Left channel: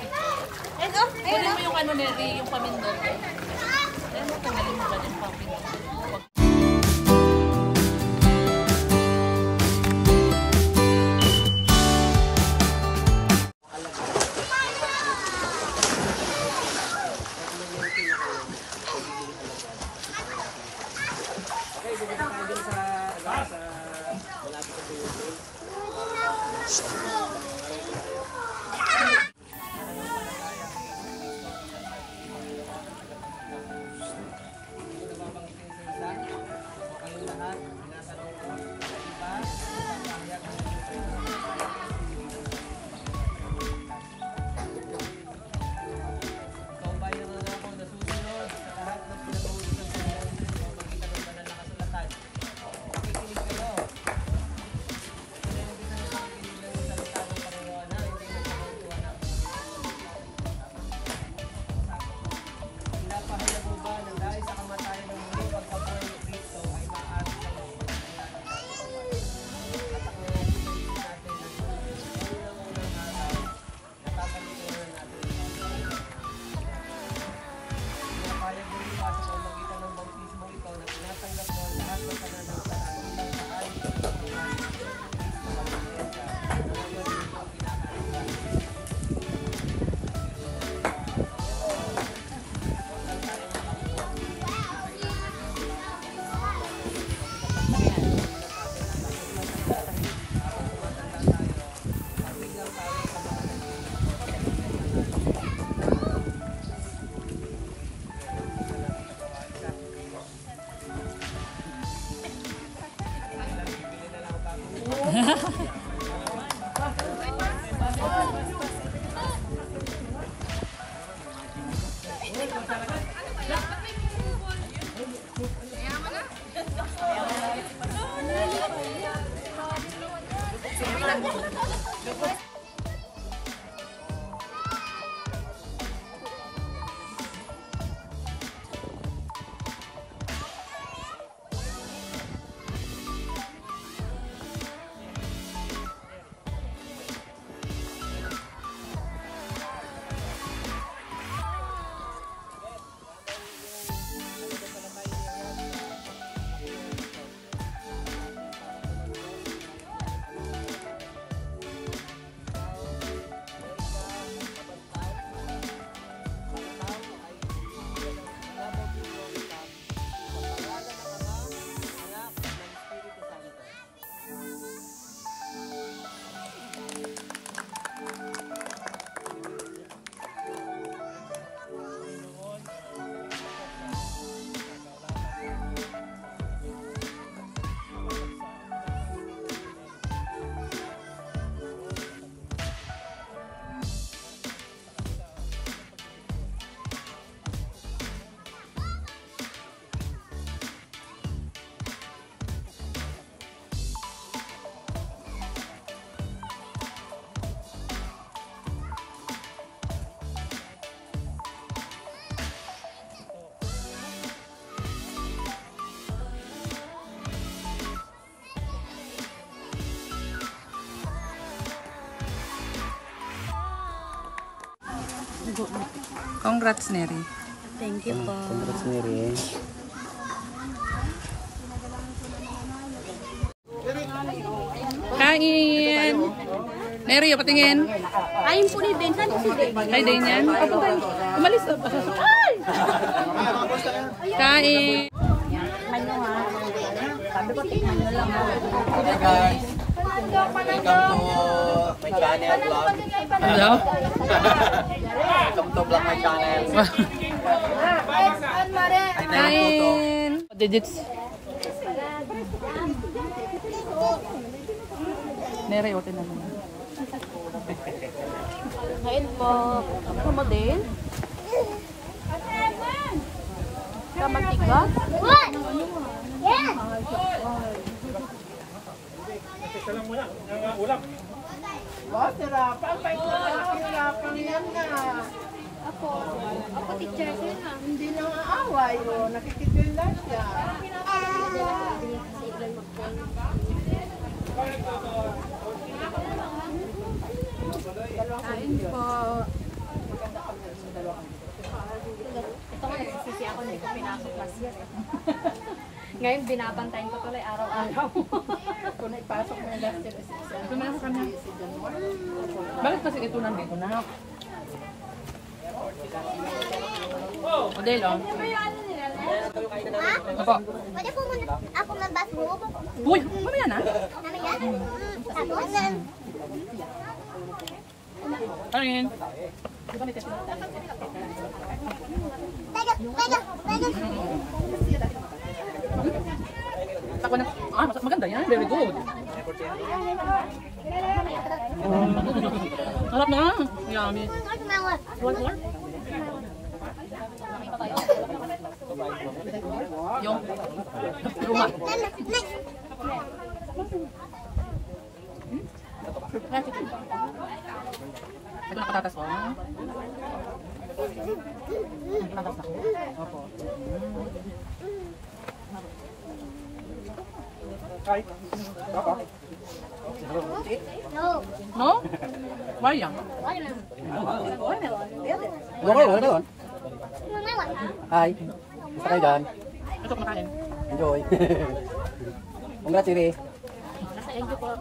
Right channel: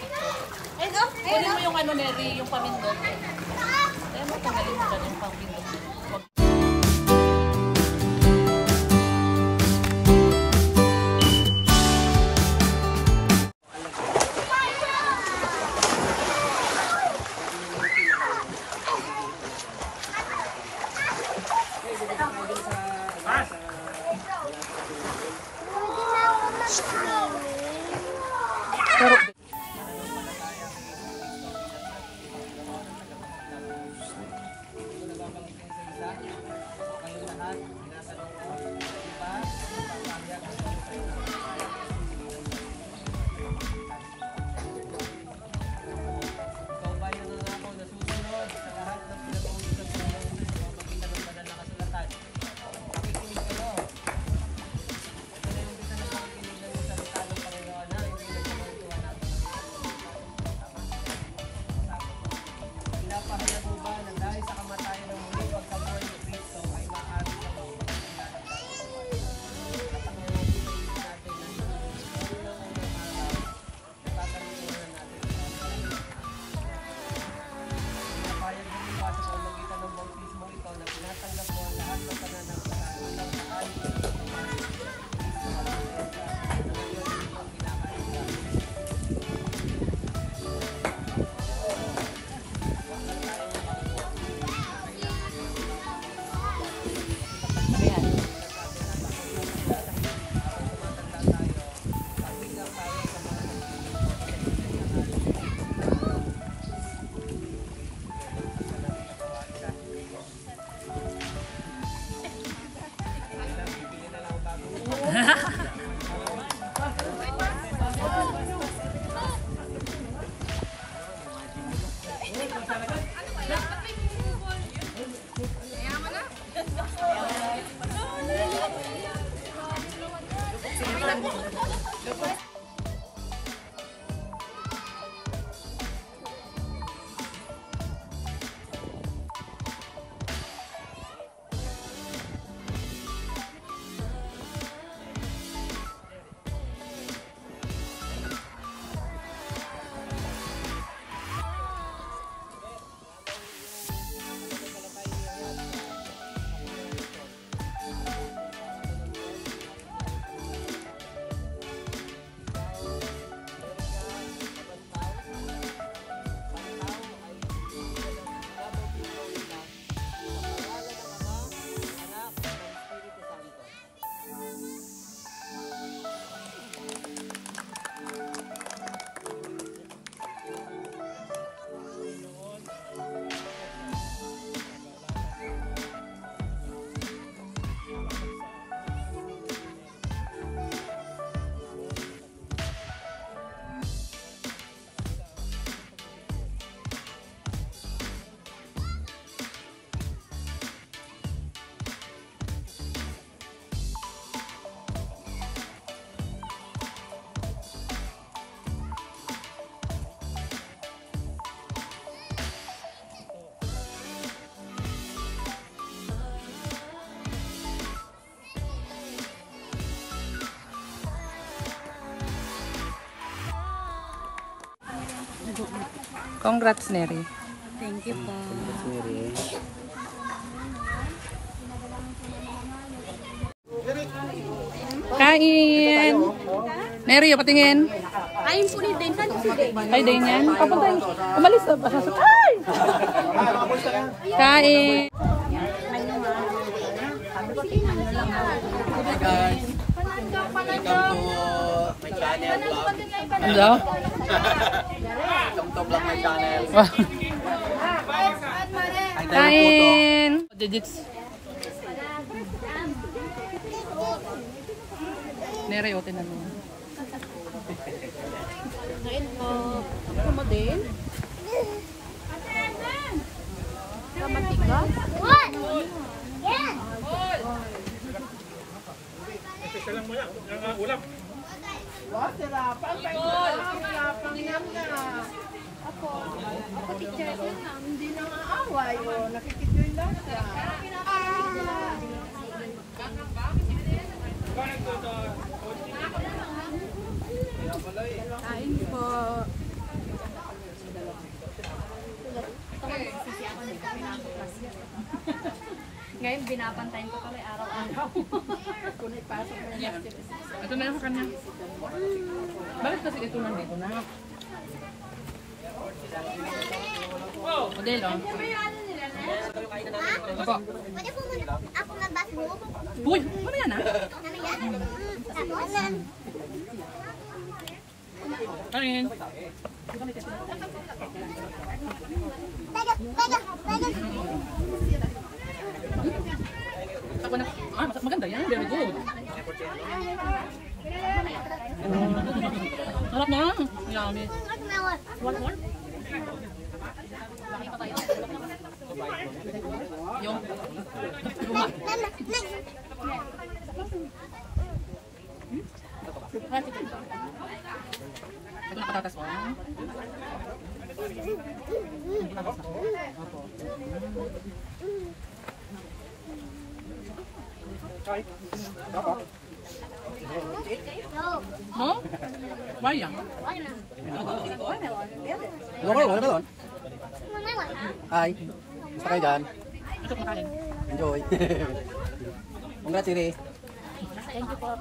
picture. Kunin mo yung ano, Neri, yung pamindot. Ayan mo, tanggalin mo dyan yung pamindot. Congrats, Neri. Thank you po. Congrats, Neri. Kain! Neri, patingin. Ayun po ni Den. Saan po si Den? Ay, din yan. Kapatay. Umalis na ba? Ay! Kain! Hi guys! Welcome to my channel vlog. Ano? Welcome to vlog my channel. Kain! Digits. Neri, otin na naman. Kain po. Ako mo din? Kamatiga? Yan! Special lang muna, ang ulam. Boss, sirapan. Sirapan yan na. Hindi na aaway. Nakikitil lang siya. Kain po. Ngayon, binabantayan ko tuloy araw-araw. Kung naipasok mo na sila. Ito na lang sa kanya. Bakit kasi ito lang dito na? Model, oh. Opo. Pwede po ako mag-basketball? Uy, ano yan, ah? Tapos, Ano yun? Teka. Ako na. Ah, maganda yan. Very good. Harap na. Yummy. Yung luma. Ito nakatatas ko. Opo. No? Why yan? Doon. Hi. Gusto kayo dyan? Ito kumakain. Enjoy. Congrats, Siri. Thank you po.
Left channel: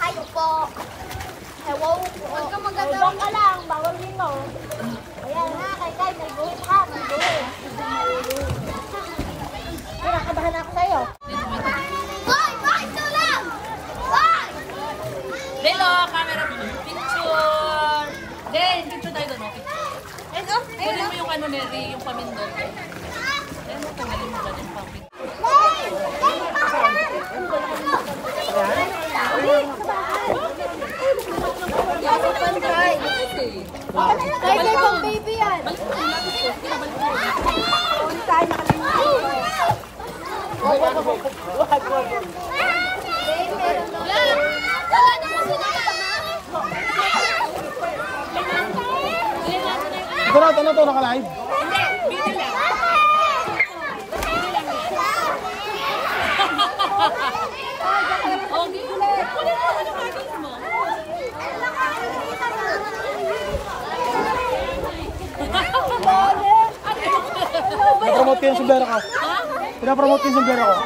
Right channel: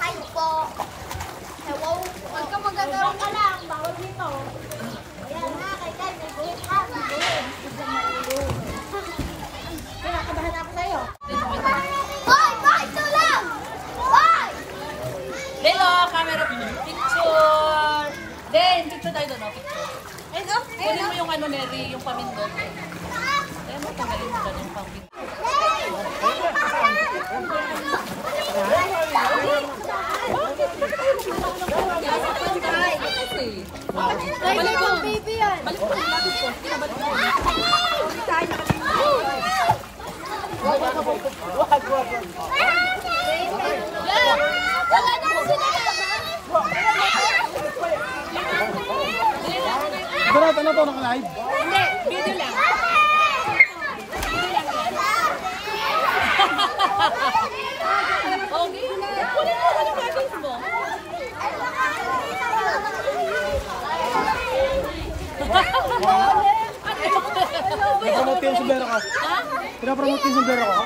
Hi po. Hello. Huwag ka magagawin ka lang. Bawal din mo. Ayan nga, kay may buhok ka. May buhok. Bigyan maulog. Kaya kabahan ako sa'yo. Hoy! Ito lang! Hoy! Delo, camera picture. Den, picture tayo doon, picture. Kunin mo yung ano, Neri, yung pamindot. Ayan, tanggalin mo dyan yung pamindot. Balik ko, baby yan. Balik mo, lapit ko. Sige na, balik mo. Wala na kasi nakasama. Ano to nakalive? Hindi, video lang. Video lang yan. Okay. Kunin mo yung goggles mo. Pinapromote yung sombrero ko. Ha? Pinapromote yung sombrero ko.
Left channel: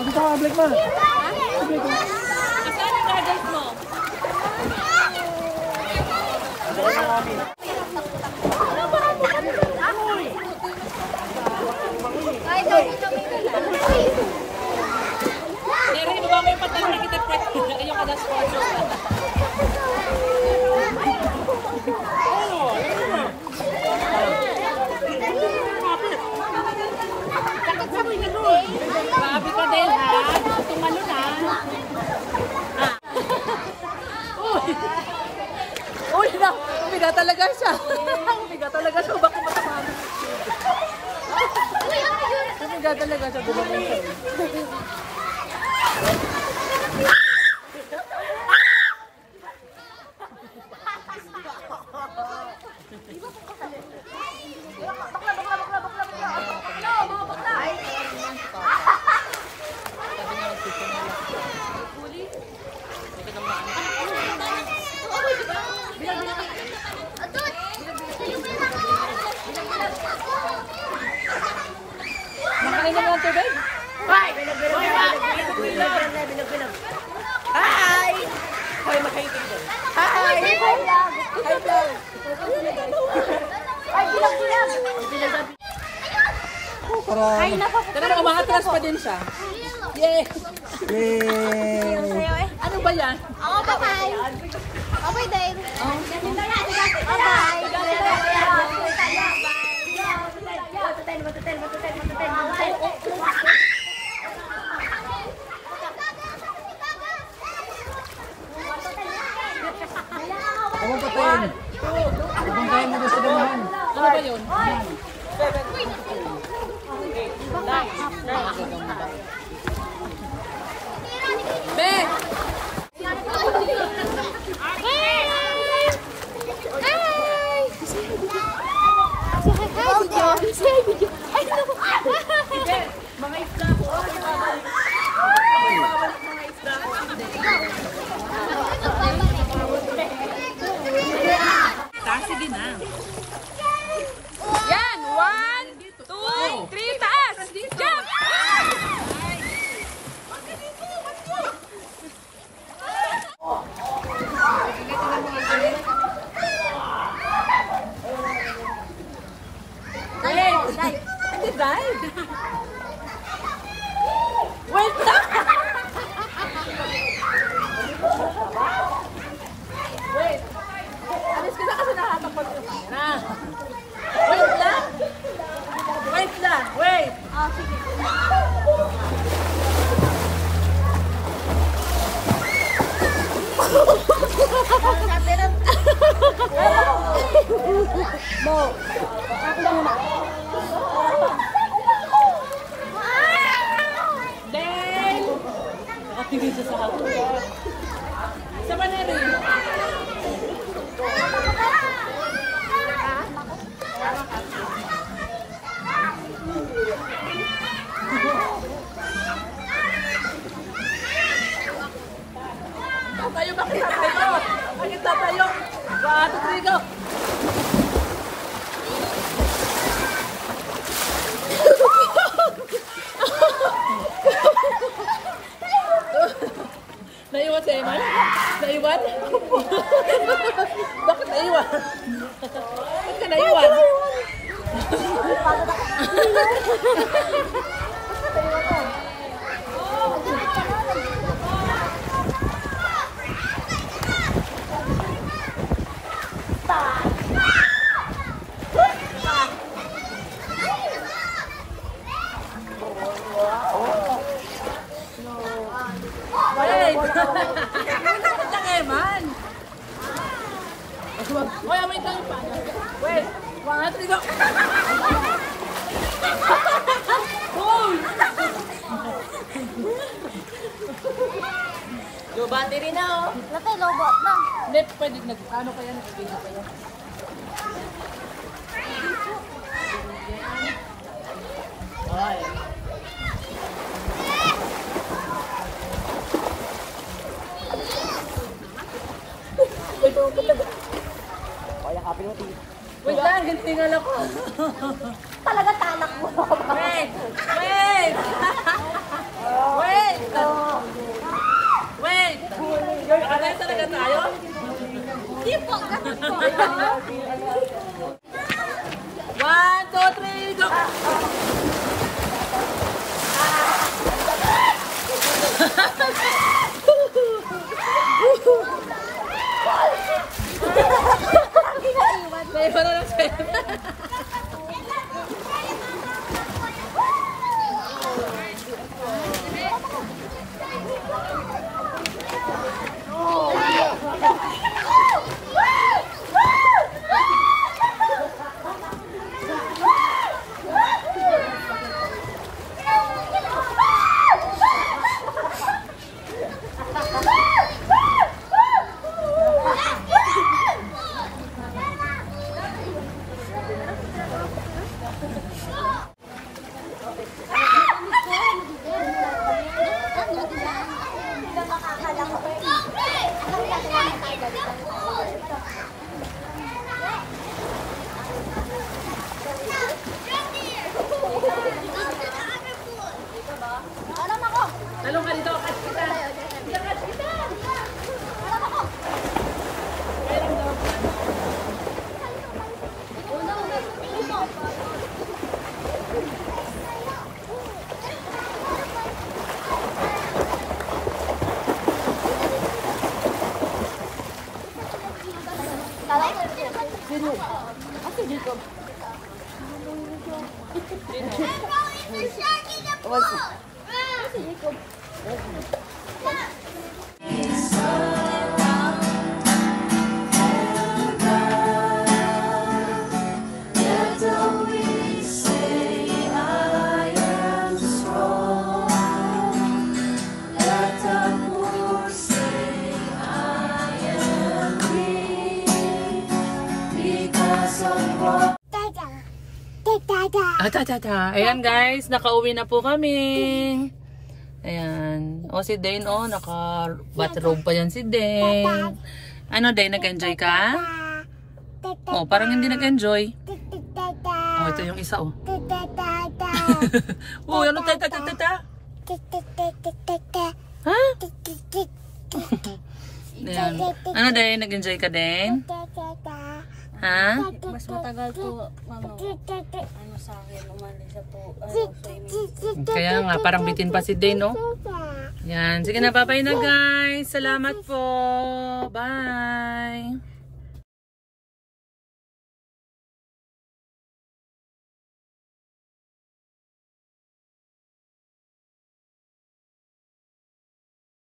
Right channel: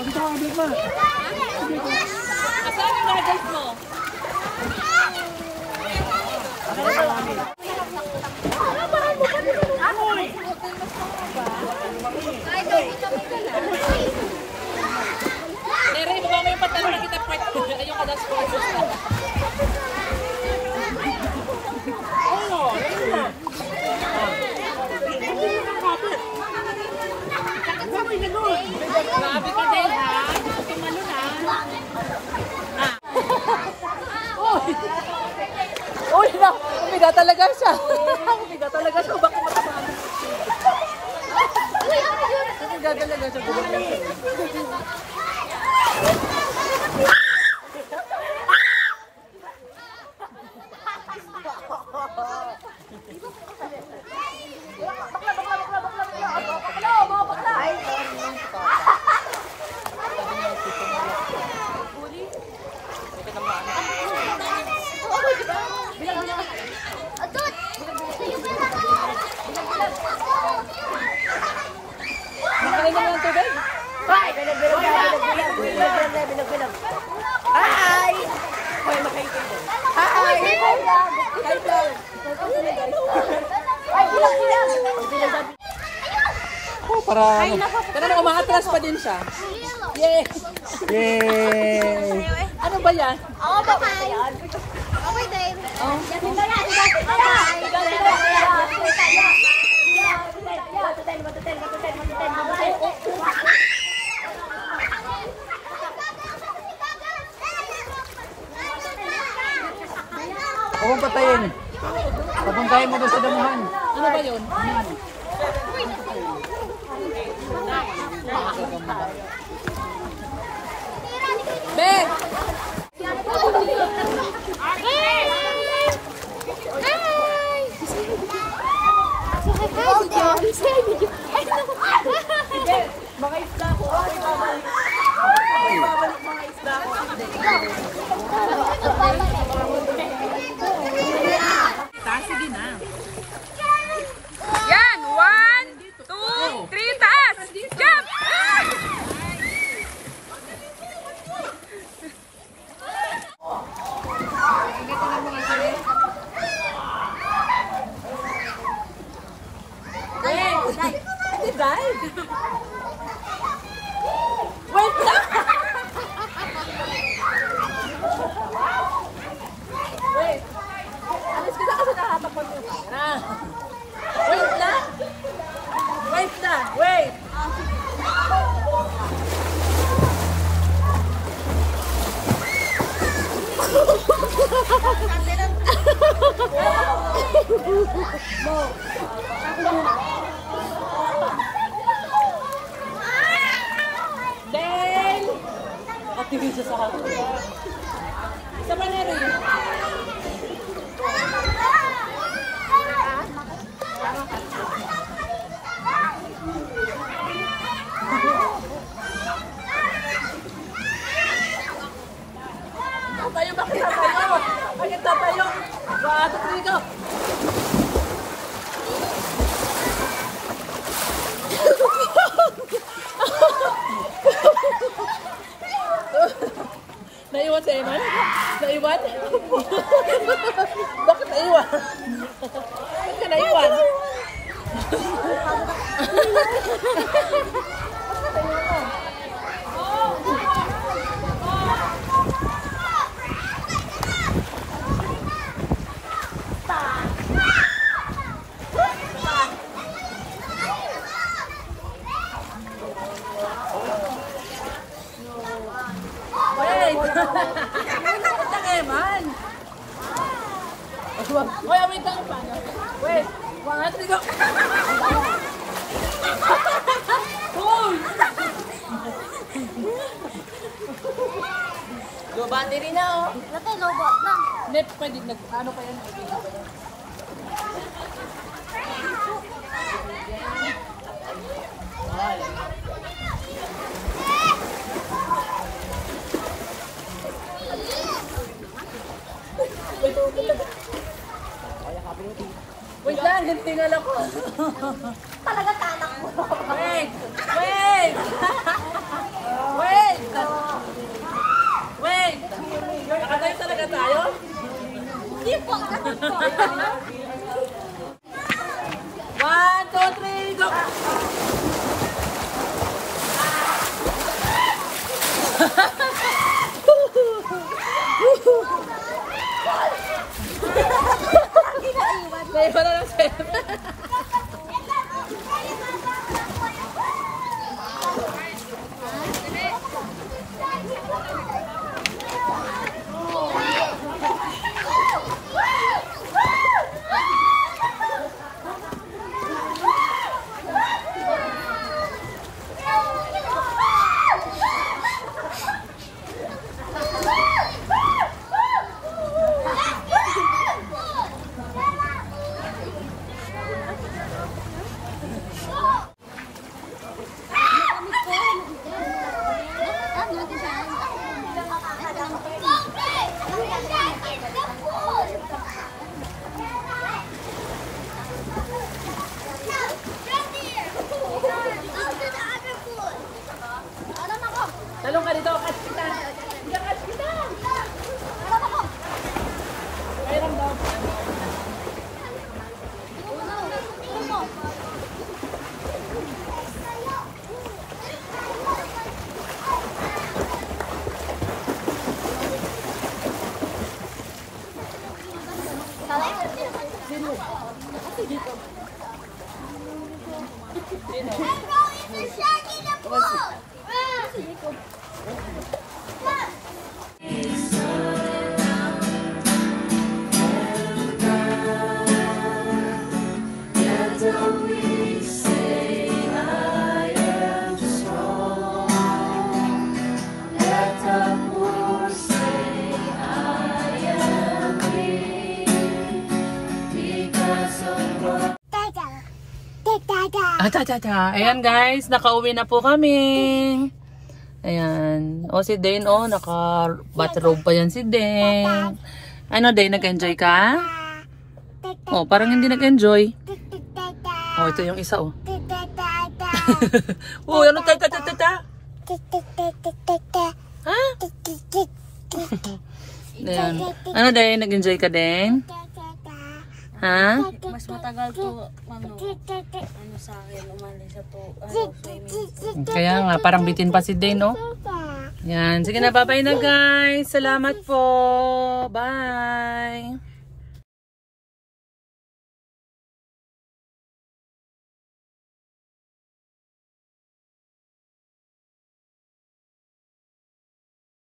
Hindi ka public na. Asan yung goggles mo? Neri, baba mo yung pantalon na kita pwet. Yung kada sport. Grabe ka dahil ha. Gusto tumalo na. Uy, na! Umiga talaga siya. Umiga talaga siya. Baka matamaan. Umiga talaga siya. Gumagay siya. Makain na ng tubig? Hi! Hi! Hoy, makain kayo doon. Hi! Hi, vlog! Hi, vlog! Ay, bilang-bilang! Oh, para ano? Tara mo, umaatras pa din siya. Yay! Yay! Ano ba yan? Oo, bye-bye. Okay, din. Oh. Huwag mong patayin. Papuntahin mo doon sa damuhan. Ano ba yun? Ben! Hi! Slide? Wait lang! Wait. Alis ka na kasi nakatapat yung camera. Wait lang! Wait lang! Wait! Sige. Mo, ako muna. Then, nakatingin siya sa hapon. Sa paneri. Tama ka. Tatayo, bakit tatayo? Bakit tatayo? 1, 2, 3, go! Naiwan si Eman? Naiwan? Bakit naiwan? Bakit ka naiwan? Bakit naiwan ko? Wait! Bakit lang Eman? Oy, wait lang yung paano. Wait! 1, 2, 3, go! Hoy! Low battery na oh. Ito, lobot na. Hindi, pwede ano pa yan? Nagiging pa yan. Ay. Wait lang, hintingal ako. Talaga talak mo. Wait! Wait! Wait! Wait! Nakatayo talaga tayo? Hindi po, ganun po. 1, 2, 3, go! Naiwan na lang sa'yo. Talong ka dito, catch kita. Catch kita. Alam ako. Ayun daw. Ayan guys, nakauwi na po kami. Ayan. O si Dane, naka-bathrobe pa yan si Dane. Ano Dane, nag-enjoy ka? Oh, parang hindi nag-enjoy. Oh, ito yung isa oh. Oh, ano tata? Ha? Ayan. Ano Dane, nag-enjoy ka Dane? Ha? Mas matagal to, ano sa akin, umano sa to, swimming. Kaya nga, parang bitin pa si Day, no? Yan. Sige na, bye-bye na guys. Salamat po. Bye.